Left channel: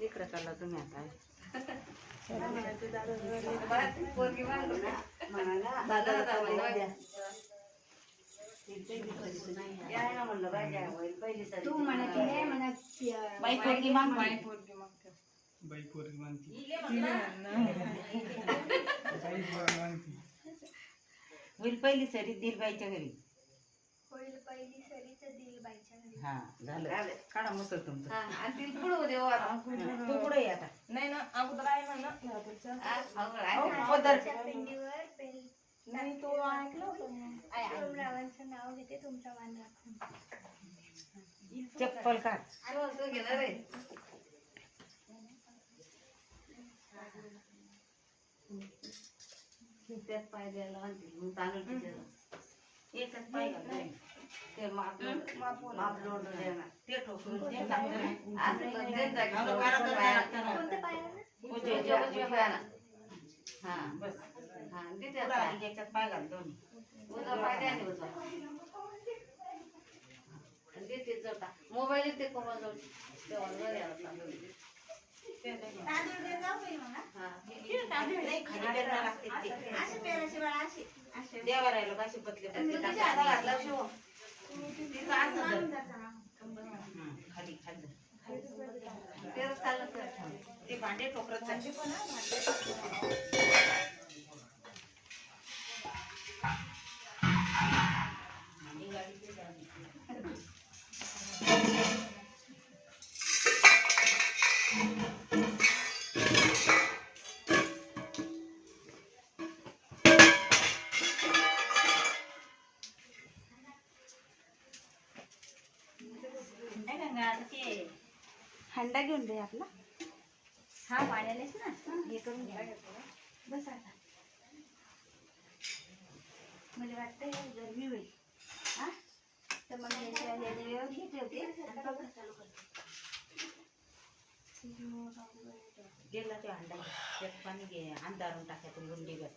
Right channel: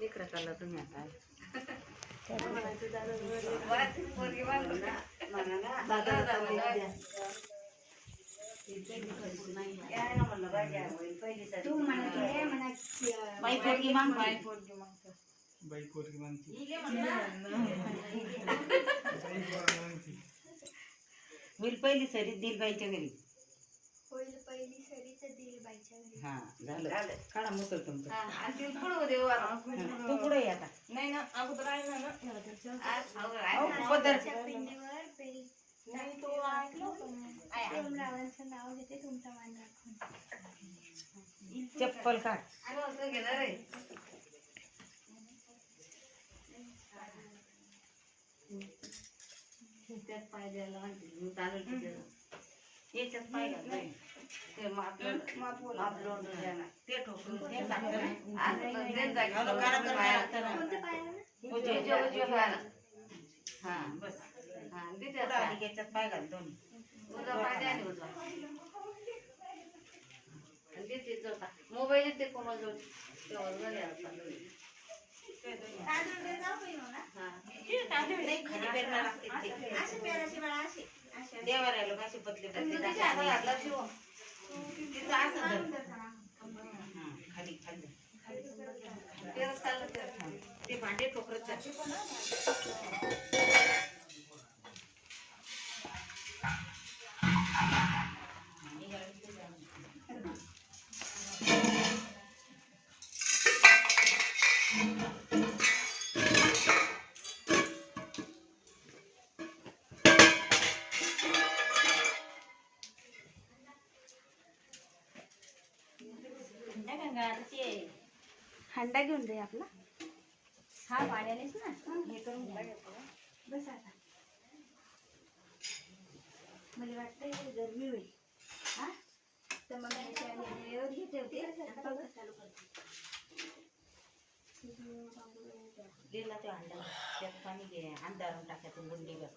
इकडे चालला तुम्ही आता तू म्हणत हे म्हणत बाई पोरगी माग बाई पोरगी मागते. बाई पोरगी मानती होईल पहिली सरी दिल बाईच्या घरी होईल पहिली सरीच दिल बाईच्या घरी. हा झालं काढा मुसल तुमचं आणि तू पुढे ये आता नाही ना अगोदर आहे ना ह्याच्या. नारळाच्या पिंडीवर बेल नाही तो ऐकलं होतं मी. सोमरावांचं नाव घेते तुमचा मान राखून. चप्पल काढ त्यात पाय द्यायला आणते. मी तांदूळ तिथे याच्यात पाय घाल नाही. ते मापलोड ते ठोकरून ते टाकलं नाही. कोणतं पायाला? हा बस पुढं आणि याच्यात पाय घाल दोन्ही मोबाईल ते कोणाला जोड तांदूळ दे जाऊ बाई मला. नाही, खाली पेरणं लागते ते. अशी पेराची बाळा अशी. अशी. देवाऱ्याला कशी पतले पतले तिच्या हातात टाकायचे. घातला शिव. तिचं असं धर. जाऊन जाता. हं, खाली खाली तेच चाललं तर. ते भांडे ठोकरत जाते. हंडा घेऊन दे आपला. हा पाण्यानेच ना हे करून घ्या. बस आता. मला वाटतं हे गरमी होईल. हा तर मग याच्यावर हे ठेवते आणि बघा चालू करते. दिला ते अंडा त्यात पाणी घे अंधारून टाकायचं गुंडी घाल.